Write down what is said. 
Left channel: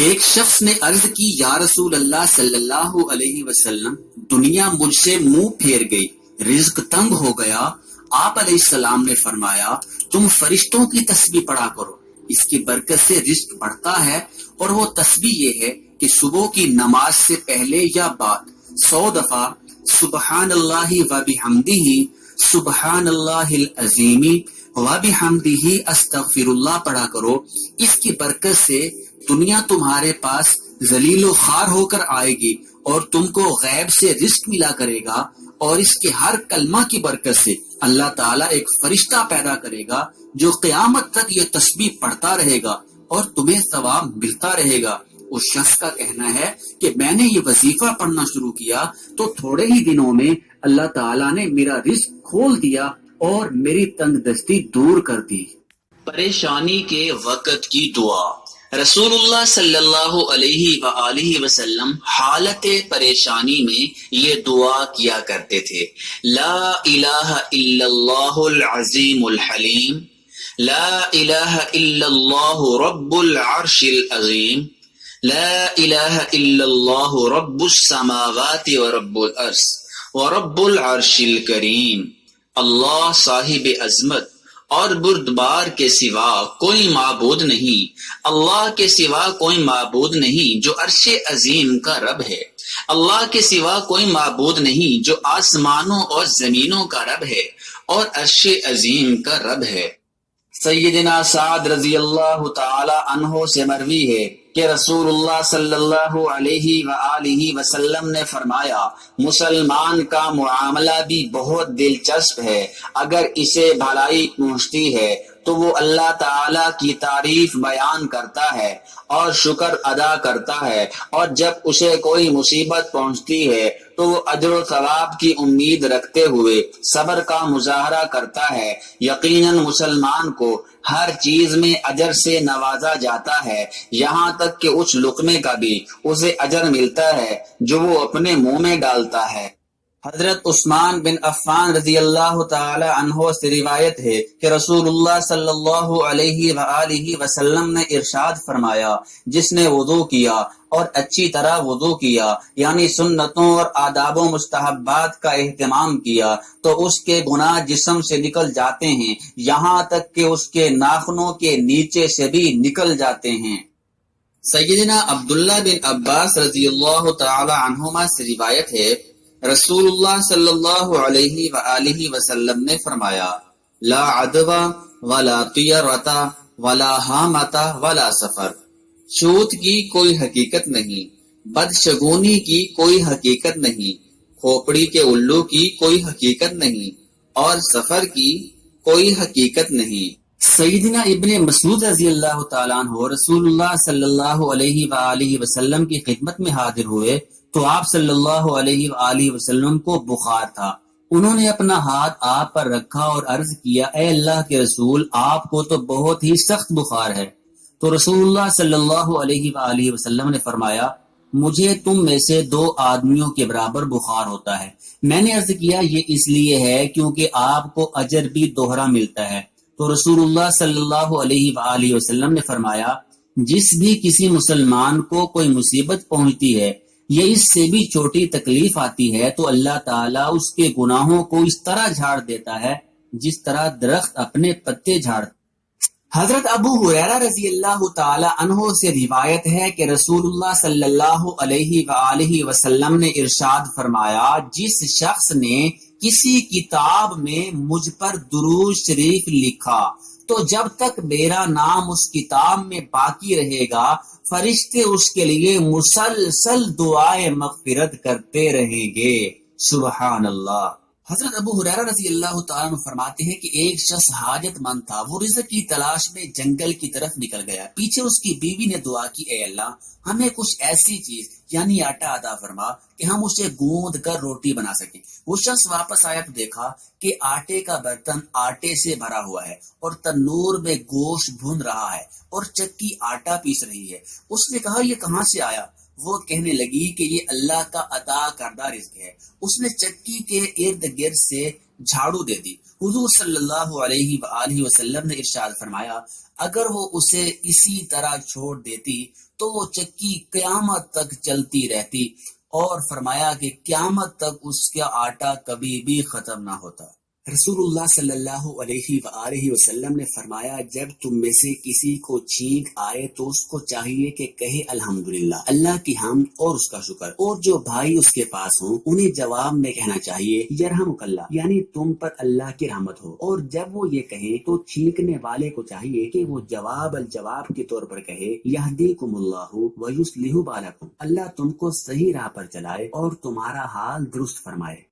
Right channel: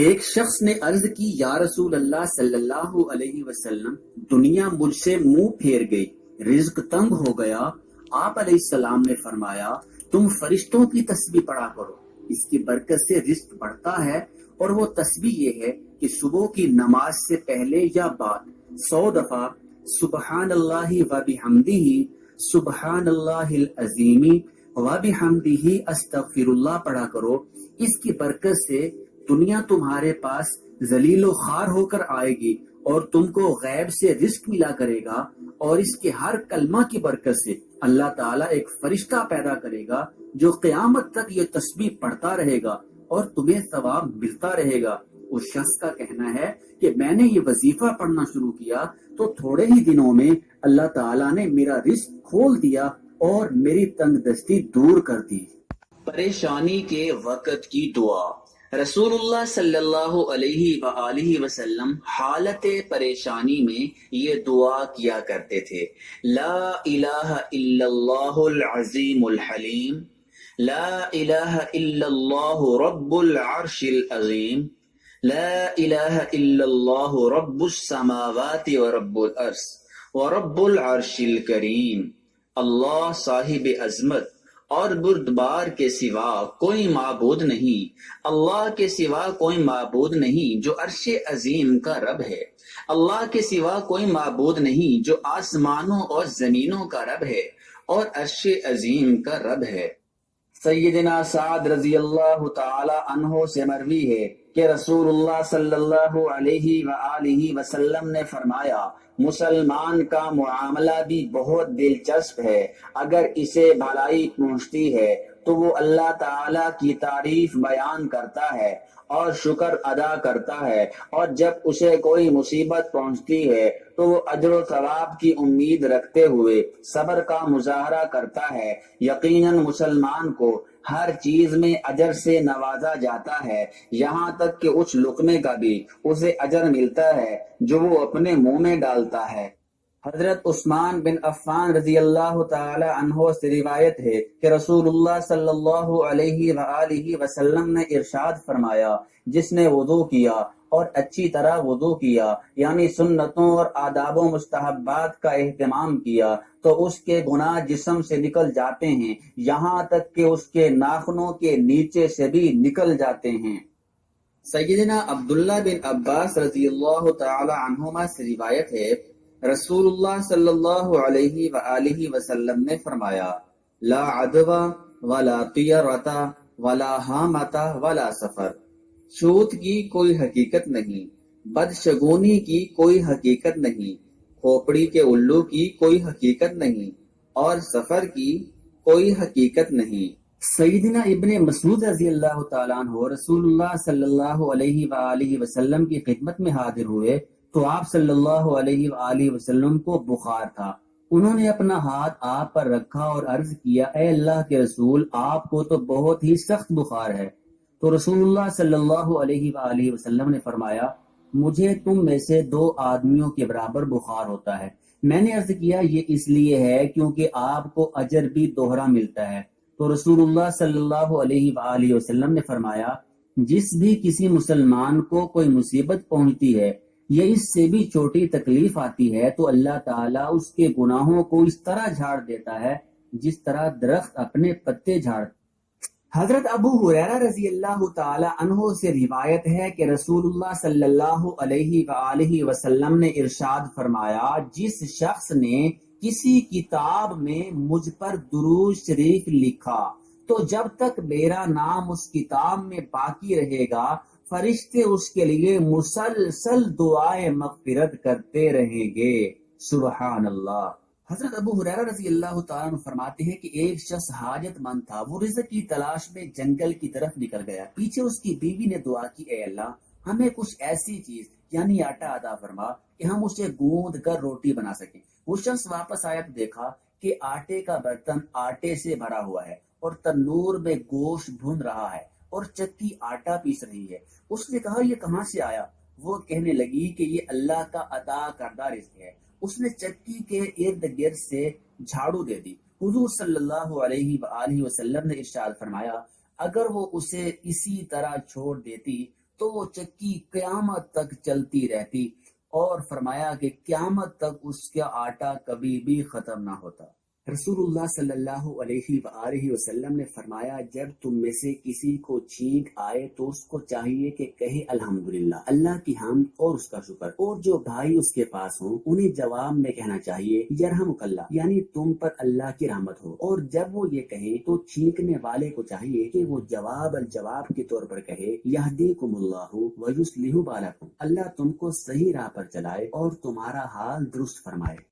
ایک شخص نے عرض کی یا رسول اللہ صلی اللہ علیہ وسلم، دنیا مجھ سے منہ پھیر گئی، رزق تنگ ہو گیا۔ آپ علیہ السلام نے فرمایا تم فرشتوں کی تسبیح پڑھا کرو، اس کی برکت سے رزق بڑھتا ہے، اور وہ تسبیح یہ ہے کہ صبح کی نماز سے پہلے یا بعد 100 دفعہ سبحان اللہ و بحمدہ، سبحان اللہ العظیم و بحمدہ استغفر اللہ پڑھا کرو۔ اس کی برکت سے دنیا تمہارے پاس ذلیل و خوار ہو کر آئے گی اور تم کو غیب سے رزق ملا کرے گا، اور اس کے ہر کلمہ کی برکت سے اللہ تعالیٰ ایک فرشتہ پیدا کرے گا جو قیامت تک یہ تسبیح پڑھتا رہے گا اور تمہیں ثواب ملتا رہے گا۔ اس شخص کا کہنا ہے کہ میں نے یہ وظیفہ پڑھنا شروع کیا تو تھوڑے ہی دنوں میں اللہ تعالیٰ نے میرا رزق کھول دیا اور میری تنگ دستی دور کر دی۔ پریشانی کے وقت کی دعا۔ رسول اللہ صلی اللہ علیہ وآلہ وسلم حالت پریشانی میں یہ دعا کیا کرتے تھے، لا الہ الا اللہ العظیم الحلیم، لا الہ الا اللہ رب العرش العظیم، لا الہ الا اللہ رب السماوات ورب الارض ورب العرش الکریم۔ اللہ صاحب عظمت اور بردبار کے سوا کوئی معبود نہیں، اللہ کے سوا کوئی معبود نہیں جو عرش عظیم کا رب ہے، اللہ کے سوا کوئی معبود نہیں جو آسمانوں اور زمینوں کا رب ہے اور عرش عظیم کا رب ہے۔ سیدنا سعد رضی اللہ تعالی عنہ سے مروی ہے کہ رسول اللہ صلی اللہ علیہ وآلہ وسلم نے فرمایا، مسلمان کا معاملہ بھی بہت دلچسپ ہے، اگر اسے بھلائی پہنچتی ہے تو وہ اللہ تعالی کی تعریف بیان کرتا ہے اور شکر ادا کرتا ہے، اور جب اسے کوئی مصیبت پہنچتی ہے تو وہ اجر و ثواب کی امید رکھتے ہوئے صبر کا مظاہرہ کرتا ہے۔ یقیناً مسلمان کو ہر چیز میں اجر سے نوازا جاتا ہے، یہاں تک کہ اس لقمے کا بھی اسے اجر ملتا ہے جو وہ اپنے منہ میں ڈالتا ہے۔ حضرت عثمان بن عفان رضی اللہ تعالی عنہ سے روایت ہے کہ رسول اللہ صلی اللہ علیہ وآلہ وسلم نے ارشاد فرمایا، جس نے وضو کیا اور اچھی طرح وضو کیا، یعنی سنتوں اور آداب و مستحبات کا اہتمام کیا، تو اس کے گناہ جسم سے نکل جاتے ہیں، یہاں تک کہ اس کے ناخنوں کے نیچے سے بھی نکل جاتے ہیں۔ سیدنا عبداللہ بن عباس رضی اللہ تعالی عنہما سے روایت ہے، رسول اللہ صلی اللہ علیہ وآلہ وسلم نے فرمایا، لا عدوہ ولا طیرۃ ولا حامۃ ولا سفر، چھوت کی کوئی حقیقت نہیں، بدشگونی کی کوئی حقیقت نہیں، کھوپڑی کے الو کی کوئی حقیقت نہیں، اور سفر کی کوئی حقیقت نہیں۔ سیدنا ابن مسعود رضی اللہ تعالیٰ عنہ رسول اللہ صلی اللہ علیہ وآلہ وسلم کی خدمت میں حاضر ہوئے تو آپ صلی اللہ علیہ وآلہ وسلم کو بخار تھا۔ انہوں نے اپنا ہاتھ آپ پر رکھا اور عرض کیا، اے اللہ کے رسول، آپ کو تو بہت ہی سخت بخار ہے۔ تو رسول اللہ صلی اللہ علیہ وآلہ وسلم نے فرمایا، مجھے تم میں سے 2 آدمیوں کے برابر بخار ہوتا ہے۔ میں نے عرض کیا، یہ اس لیے ہے کیونکہ آپ کو اجر بھی دوہرا ملتا ہے۔ تو رسول اللہ صلی اللہ علیہ وآلہ وسلم نے فرمایا، جس بھی کسی مسلمان کو کوئی مصیبت پہنچتی ہے یا اس سے بھی چھوٹی تکلیف آتی ہے تو اللہ تعالیٰ اس کے گناہوں کو اس طرح جھاڑ دیتا ہے جس طرح درخت اپنے پتے جھاڑتا۔ حضرت ابو ہریرہ رضی اللہ تعالی عنہ سے روایت ہے کہ رسول اللہ صلی اللہ علیہ وآلہ وسلم نے ارشاد فرمایا، جس شخص نے کسی کتاب میں مجھ پر درود شریف لکھا تو جب تک میرا نام اس کتاب میں باقی رہے گا فرشتے اس کے لیے مسلسل دعائے مغفرت کرتے رہیں گے۔ سبحان اللہ۔ حضرت ابو ہریرہ رضی اللہ تعالیٰ عنہ فرماتے ہیں کہ ایک شخص حاجت مند تھا، وہ رزق کی تلاش میں جنگل کی طرف نکل گیا، پیچھے اس کی بیوی نے دعا کی، اے اللہ ہمیں کچھ ایسی چیز یعنی آٹا عطا فرما کہ ہم اسے گوندھ کر روٹی بنا سکیں۔ وہ شخص واپس آیا تو دیکھا کہ آٹے کا برتن آٹے سے بھرا ہوا ہے اور تنور میں گوشت بھون رہا ہے اور چکی آٹا پیس رہی ہے۔ اس نے کہا، یہ کہاں سے آیا؟ وہ کہنے لگی کہ یہ اللہ کا عطا کردہ رزق ہے۔ اس نے چکی کے ارد گرد سے جھاڑو دے دی۔ حضور صلی اللہ علیہ وآلہ وسلم نے ارشاد فرمایا اگر وہ اسے اسی طرح چھوڑ دیتی تو وہ چکی قیامت تک چلتی رہتی، اور فرمایا کہ قیامت تک اس کا آٹا کبھی بھی ختم نہ ہوتا۔ رسول اللہ صلی اللہ علیہ وآلہ وسلم نے فرمایا جب تم میں سے کسی کو چھینک آئے تو اس کو چاہیے کہ کہے الحمدللہ، اللہ کی حمد اور اس کا شکر، اور جو بھائی اس کے پاس ہوں انہیں جواب میں کہنا چاہیے یرحمک اللہ، یعنی تم پر اللہ کی رحمت ہو، اور جب وہ یہ کہیں تو چھینکنے والے کو چاہیے کہ وہ جواب الجواب کے طور پر کہے یہدیکم اللہ ویصلح بالکم، اللہ تم کو صحیح راہ پر چلائے اور تمہارا حال درست فرمائے۔